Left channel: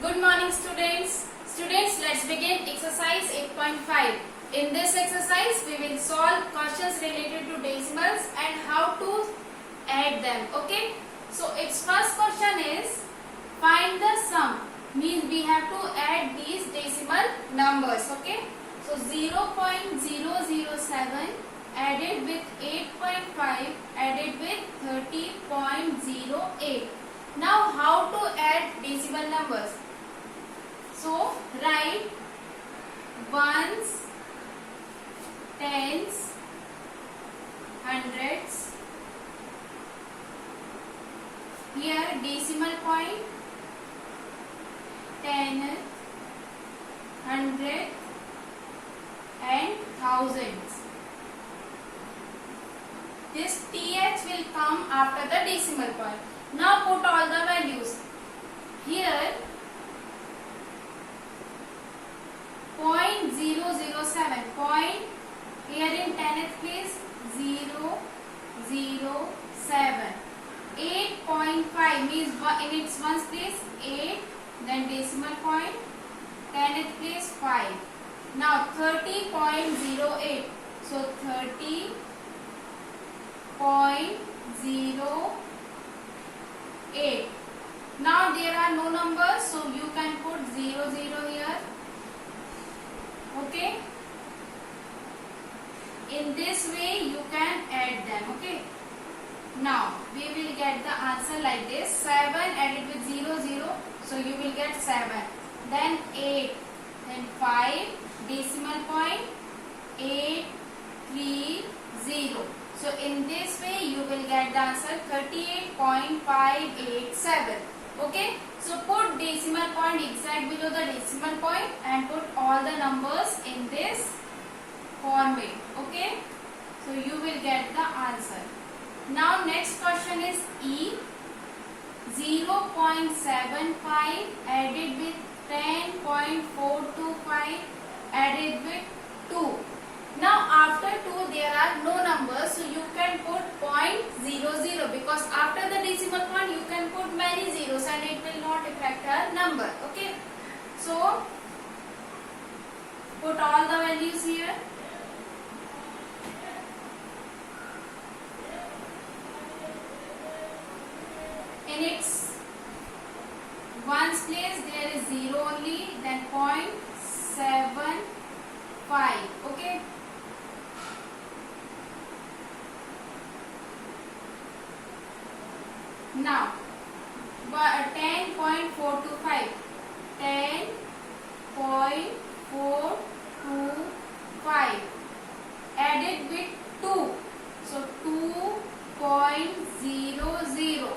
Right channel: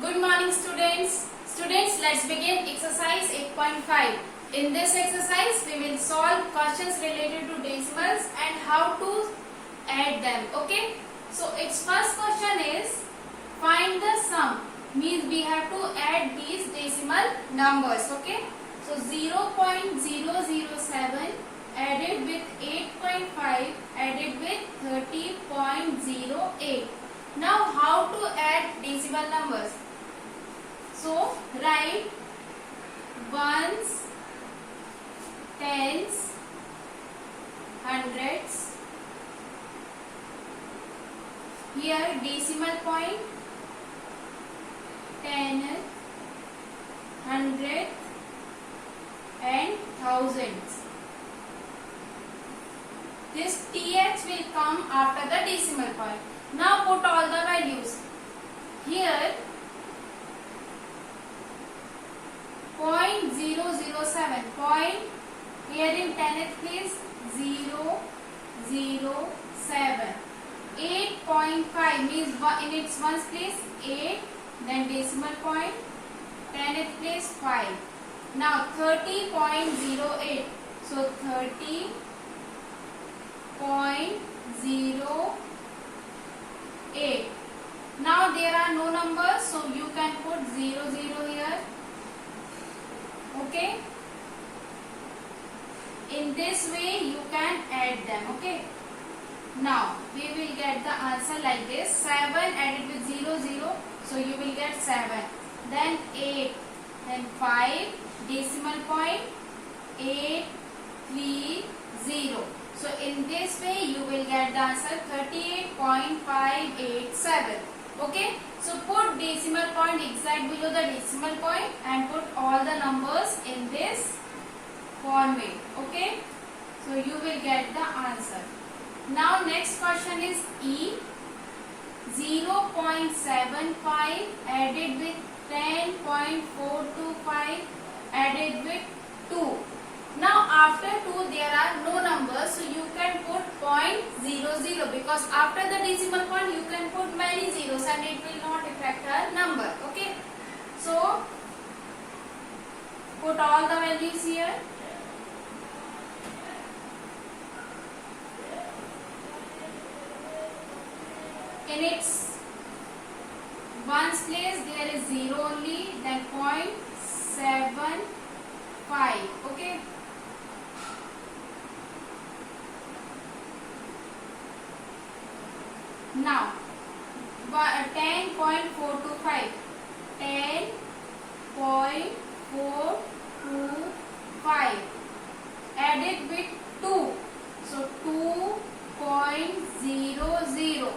Good morning students. Students, let's begin exercise 8.5. In this exercise, we will solve questions related to decimals and how to add them. Okay. So its first question is find the sum. Means we have to add these decimal numbers. Okay. So 0.007 added with 8.5 added with 30.08. Now how to add decimal numbers? So write ones, tens, hundreds. Here decimal point, ten, hundred and thousands. This th will come after the decimal point. Now put all the values. Here 0.007 point, here in 10th place 007. 8.5 means in its ones place 8, then decimal point, 10th place 5. Now 30.08, so 30.08. Now there are no numbers, so you can put 00 here. Okay. In this way you can add them. Okay. Now we will get the answer like this. 7 added with 00, so you will get 7. Then 8, then 5, decimal point 830. So in this way you will get the answer 38.587. Okay. So put decimal point exact below the decimal point and put all the numbers in this format. Okay. So you will get the answer. Now next question is E. 0.75 added with 10.425 added with 2. Now after 2 there are no numbers, so you can put 0.00 because after the decimal point you can put many zeros and it will not affect a number. Okay. So put all the values here. In its ones place there is 0 only, then 0.75. Okay. Now 10.425 10.425 added with 2, so 2.00.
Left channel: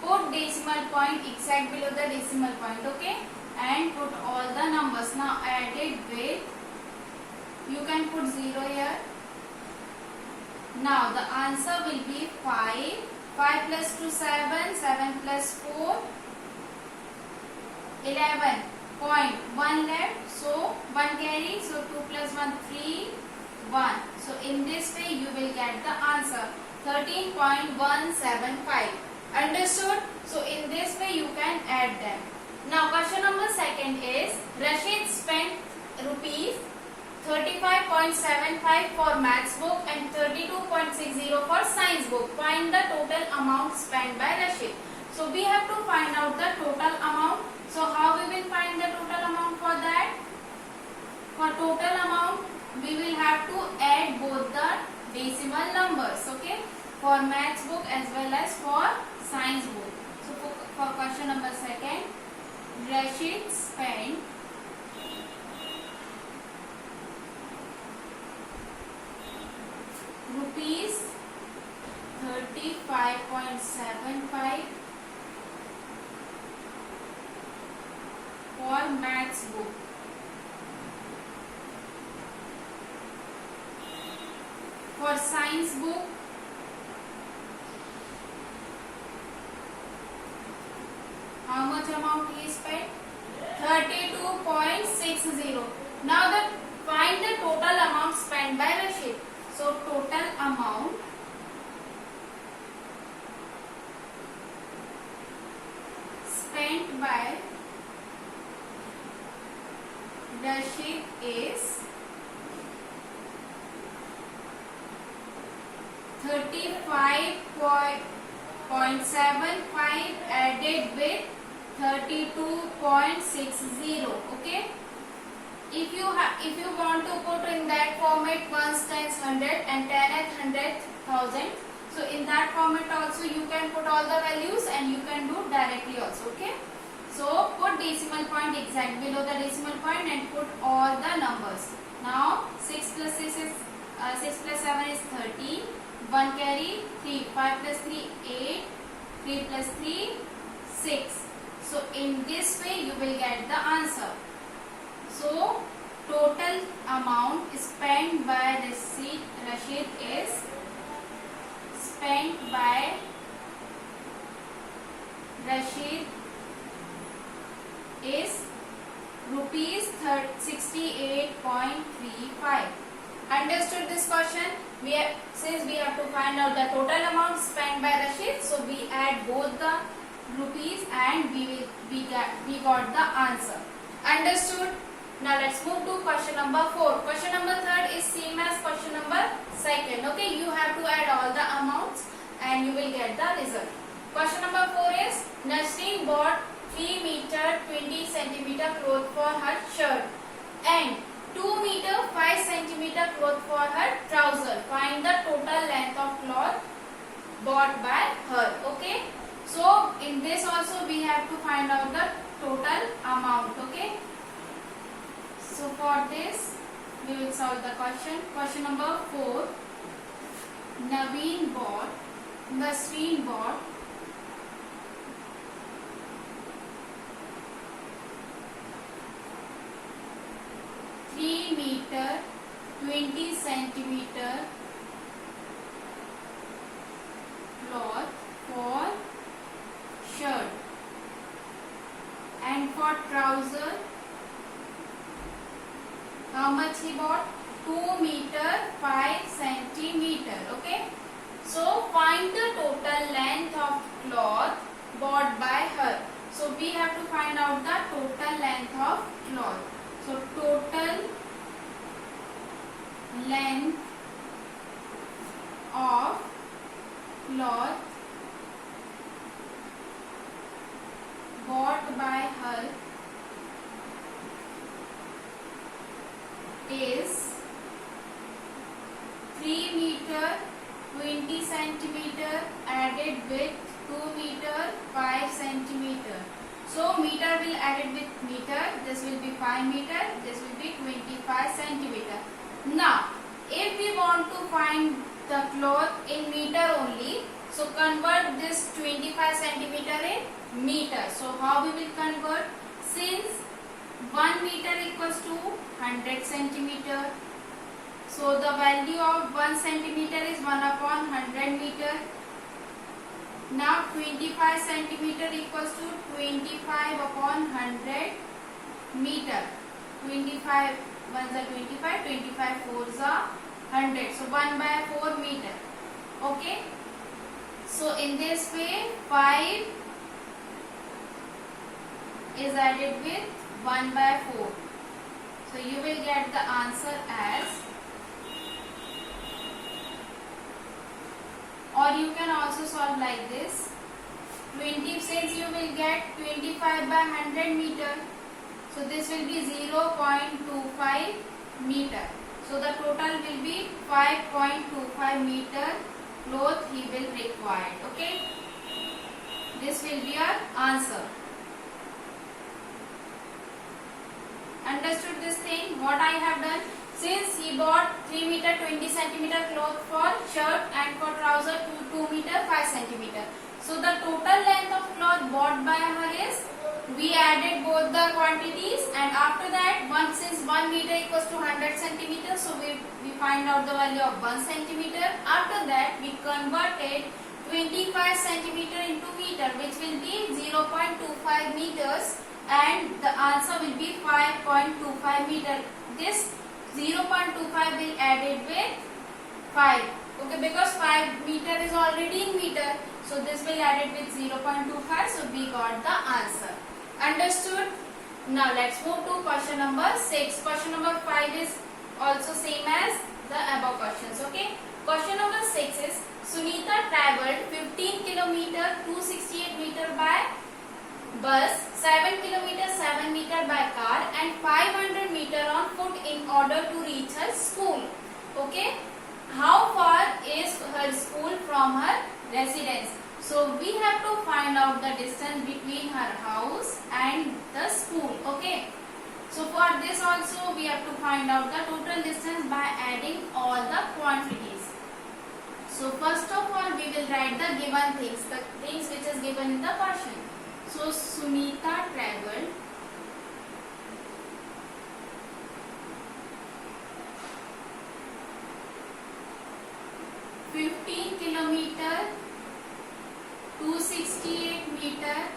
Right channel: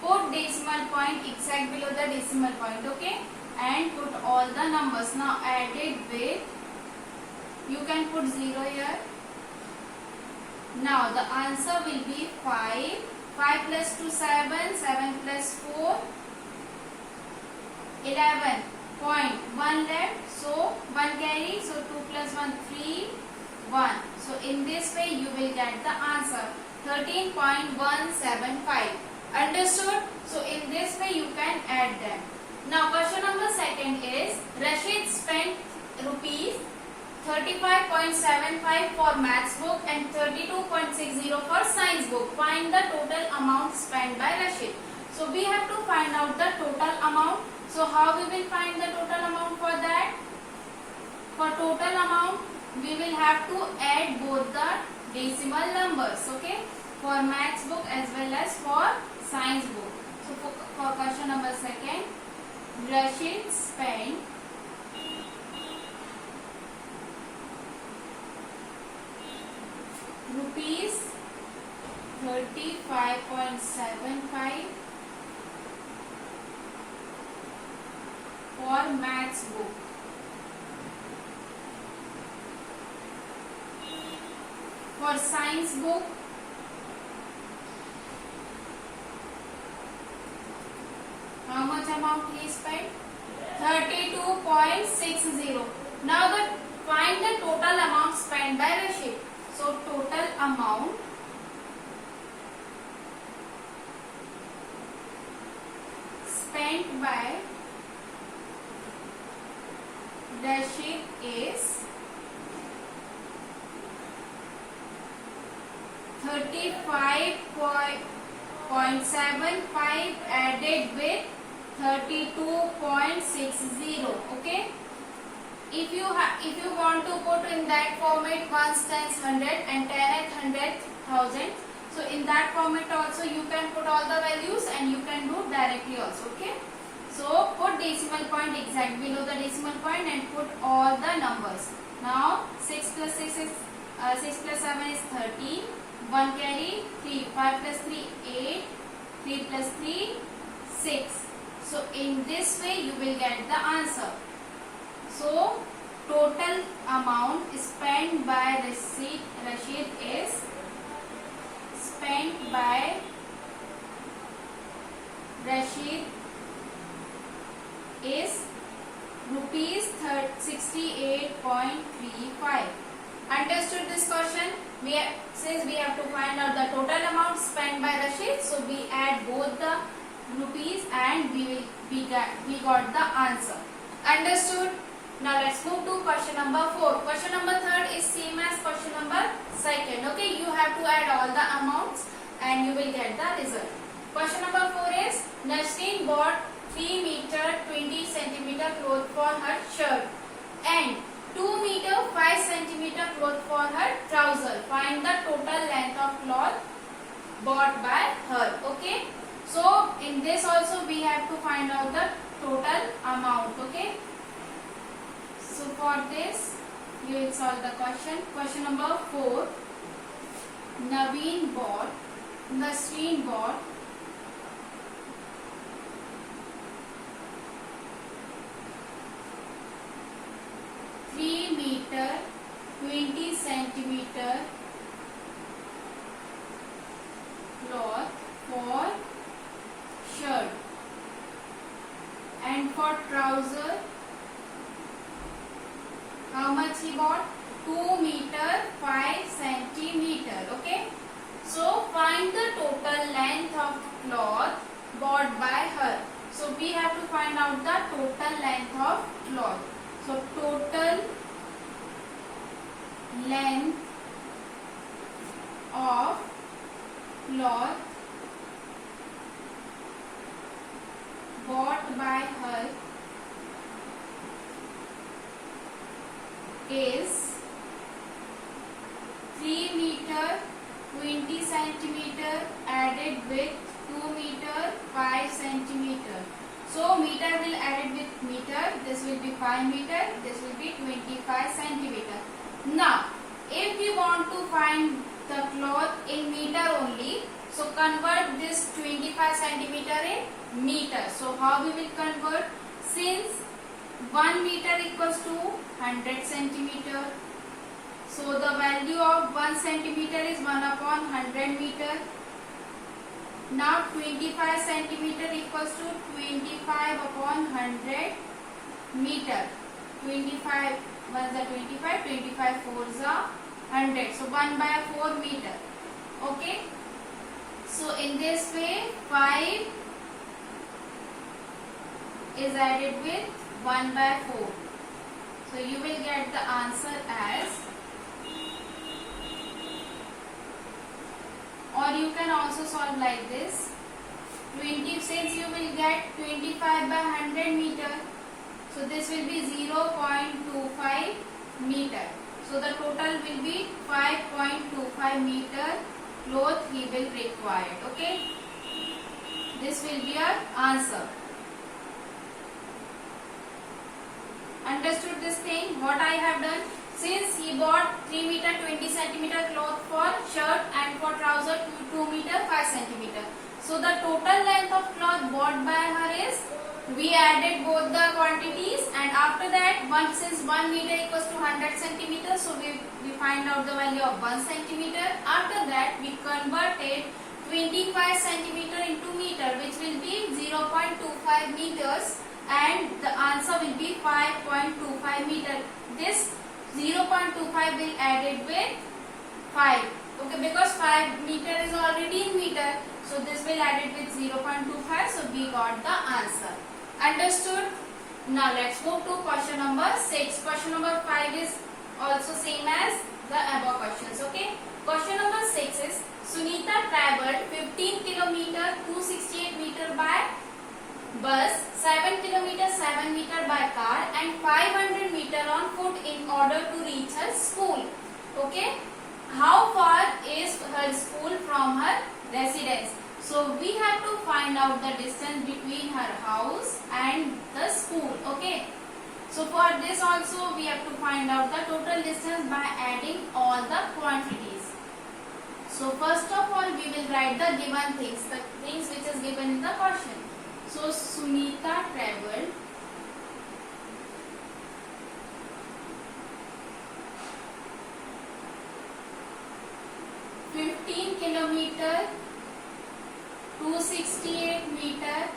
Put decimal point exact below the decimal point. Okay, and put all the numbers. Now added with, you can put 0 here. Now the answer will be 5. 5 plus 2 7, 7 plus 4 11. Point 1 left, so 1 carry, so 2 plus 1 3 1. So in this way you will get the answer 13.175. Understood? So in this way you can add them. Now question number second is Rashid spent rupees 35.75 for maths book and 32.60 for science book. Find the total amount spent by Rashid. So we have to find out the total amount. So how we will find the total amount for that? For total amount we will have to add both the decimal numbers. Okay, for maths book as well as for science book. So for question number second, Rashid spent rupees 35.75 for maths book. For science book, how much amount he spent? 32.60. Now find the total amount spent by Rashid. So total amount spent by Rashid is 35.75 added with 32.60. Okay. If you want to put in that format 1 times 100 and 10 at 100,000, so in that format also you can put all the values and you can do directly also. Okay. So put decimal point exact below the decimal point and put all the numbers. Now 6 plus 6 is 6 plus 7 is 13. 1 carry 3. 5 plus 3 8. 3 plus 3 6. So in this way you will get the answer. So total amount spent by Rashid is spent by Rashid is rupees 68.35. Understood this question? Since we have to find out the total amount spent by Rashid, so we add both the rupees and we got the answer. Understood? Now let's move to question number 4. Question number 3 is same as question number 2. Okay, you have to add all the amounts and you will get the result. Question number 4 is Nasreen bought 3 meter 20 centimeter cloth for her shirt and 2 meter 5 centimeter cloth for her trouser. Find the total length of cloth bought by her. Okay. So in this also we have to find out the total amount. Okay. So for this we will solve the question. Question number 4. Nasreen bought 3 meter 20 centimeter cloth for shirt and for trouser how much he bought? 2 meter 5 centimeter. Okay. So find the total length of cloth bought by her. So we have to find out the total length of cloth. So total length of cloth bought by her is 3 meter 20 centimeter added with 2 meter 5 centimeter. So meter will added with meter. This will be 5 meter. This will be 25 centimeter. Now, if we want to find the cloth in meter only, so convert this 25 centimeter in meter. So how we will convert? Since 1 meter equals to 100 centimeter. So the value of 1 centimeter is 1 upon 100 meter. Now 25 centimeter equals to 25 upon 100 meter. 25 1s are 25, 25 4s are 100. So 1 by 4 meter. Okay. So in this way 5 is added with 1 by 4. So you will get the answer as, or you can also solve like this. 20, since you will get 25 by 100 meter, so this will be 0.25 meter. So the total will be 5.25 meter cloth he will require. Okay. This will be our answer. Understood this thing? What I have done? Since he bought 3 meter 20 centimeter cloth for shirt and for trouser 2 meter 5 centimeter. So the total length of cloth bought by her is, we added both the quantities and after that since 1 meter equals to 100 centimeter, so we find out the value of 1 centimeter. After that we converted 25 centimeter into meter, which will be 0.25 meters and the answer will be 5.25 meter. This 0.25 will added with 5. Okay, because 5 meter is already in meter. So this will added with 0.25. So we got the answer. Understood? Now let's move to question number 6. Question number 5 is also same as the above questions. Okay. Question number 6 is Sunita traveled 15 kilometer 268 meter by bus, 7 kilometer 7 meter by car and 500 meter on foot in order to reach her school. Okay. How far is her school from her residence? So we have to find out the distance between her house and the school. Okay. So for this also we have to find out the total distance by adding all the quantities. So first of all we will write the given things, the things which is given in the question. So Sunita traveled 15 kilometer 268 meter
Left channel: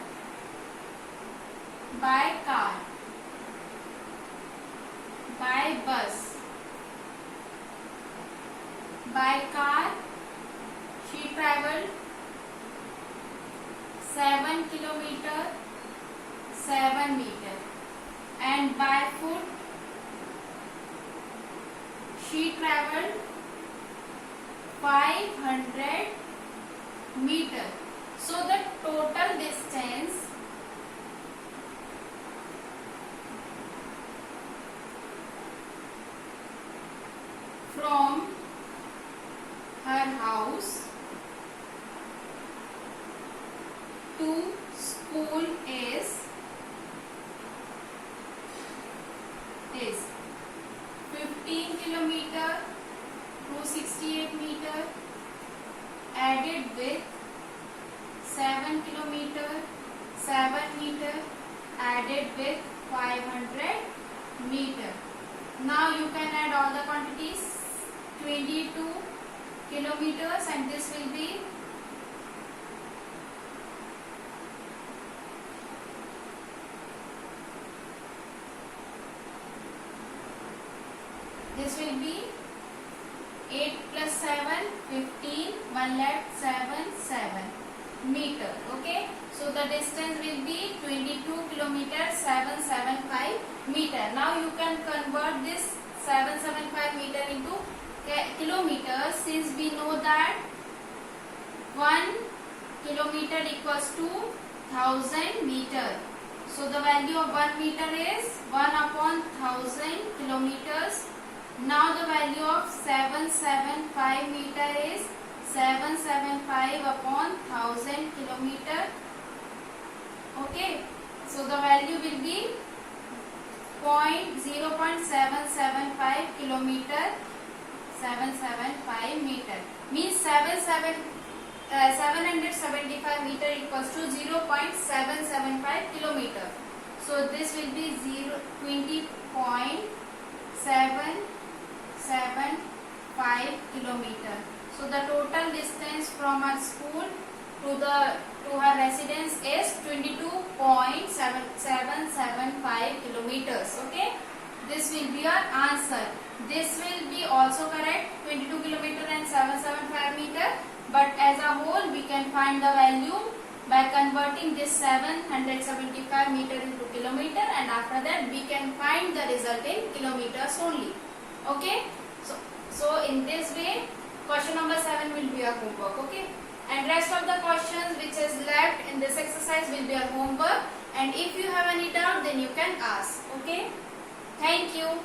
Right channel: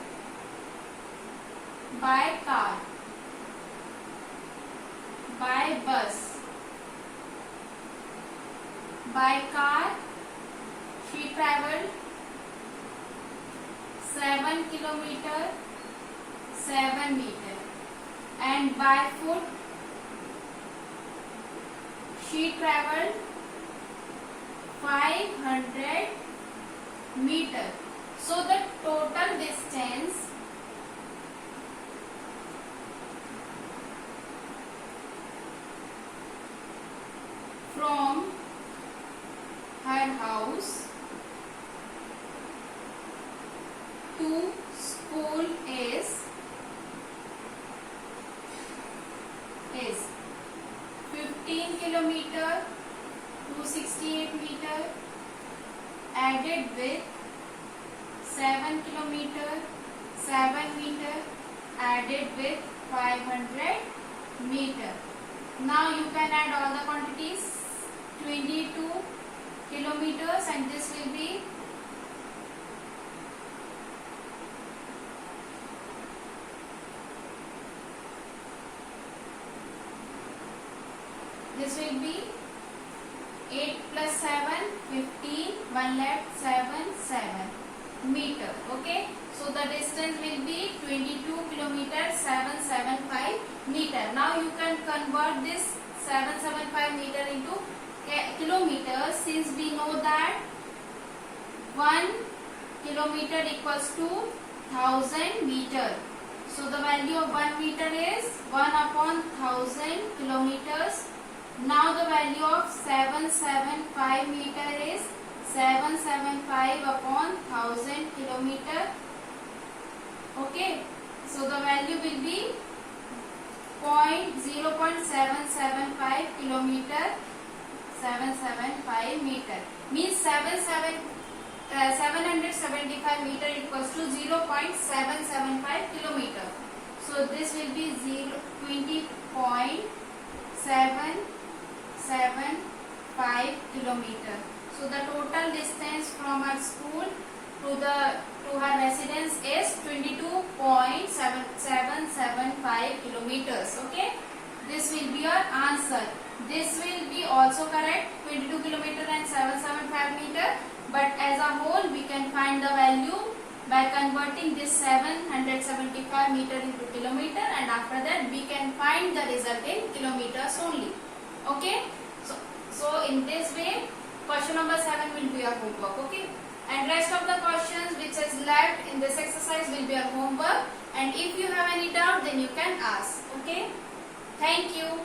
by car, by bus. By car she traveled 7 kilometer 7 meter and by foot she traveled 500 meter. So the total distance from her house to school is 15 kilometer 268 meter added with 7 kilometer 7 meter added with 500 meter. Now you can add all the quantities, 22 kilometers and this will be 8 plus 7, 15, 1 left, 7, 7 meter. Okay. So the distance will be 22 kilometers 775 meter. Now you can convert this 775 meter into kilometers, since we know that 1 kilometer equals to 1000 meter. So the value of 1 meter is 1 upon 1000 kilometers. Now the value of 775 meter is 775 upon 1000 kilometer. Okay. So the value will be 0.775 kilometer 775 meter. Means 775 meter equals to 0.775 kilometer. So this will be 20.775 kilometer. So the total distance from our school to her residence is 22.775 kilometers. Okay. This will be your answer. This will be also correct, 22 kilometer and 775 meter. But as a whole, we can find the value by converting this 775 meter into kilometer, and after that we can find the result in kilometers only. Okay. So in this way, question number 7 will be your homework. Okay. And rest of the questions which is left in this exercise will be your homework. And if you have any doubt, then you can ask. Okay. Thank you.